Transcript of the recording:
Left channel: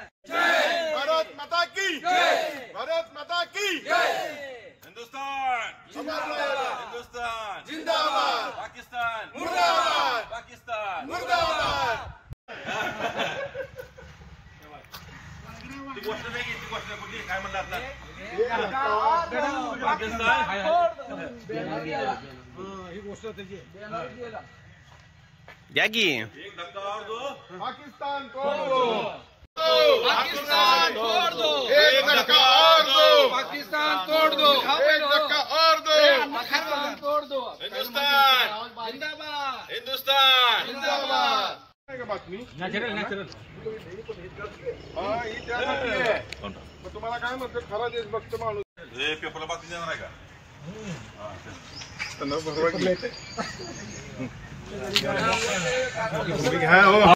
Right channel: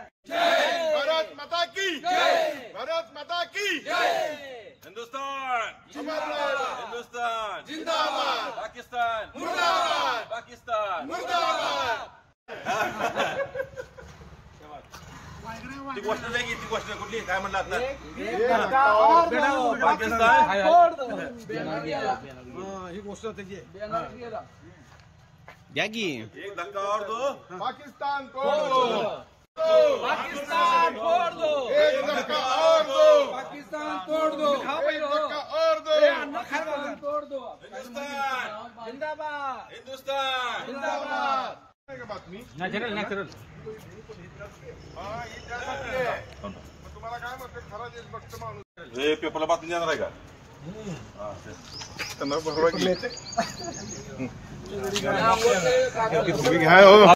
भारत माता की भारत माता की हिंदुस्तान हिंदुस्तान जिंदाबाद पाकिस्तान मुर्दाबाद पाकिस्तान मुर्दाबाद ती गोष्ट नाही ती गोष्ट कुठली काय म्हणलं आता पाकिस्तान ही गोष्ट त्याची द्या की एक धक्का और दो पाकिस्तान तोड़ दो पाकिस्तान तोड़ दो एक धक्का और दो पाकिस्तान तोड़ दो एक धक्का और दो पाकिस्तान तोड़ दो हिंदुस्तान जिंदाबाद हिंदुस्तान जिंदाबाद बातमी नॅचरल ही त्यासाठी आहे. मग तुम्हाला काय म्हणतात खरा देशभक्त माणूस हे पेपरला बातमी देणार आहे का त्यांना बरोबर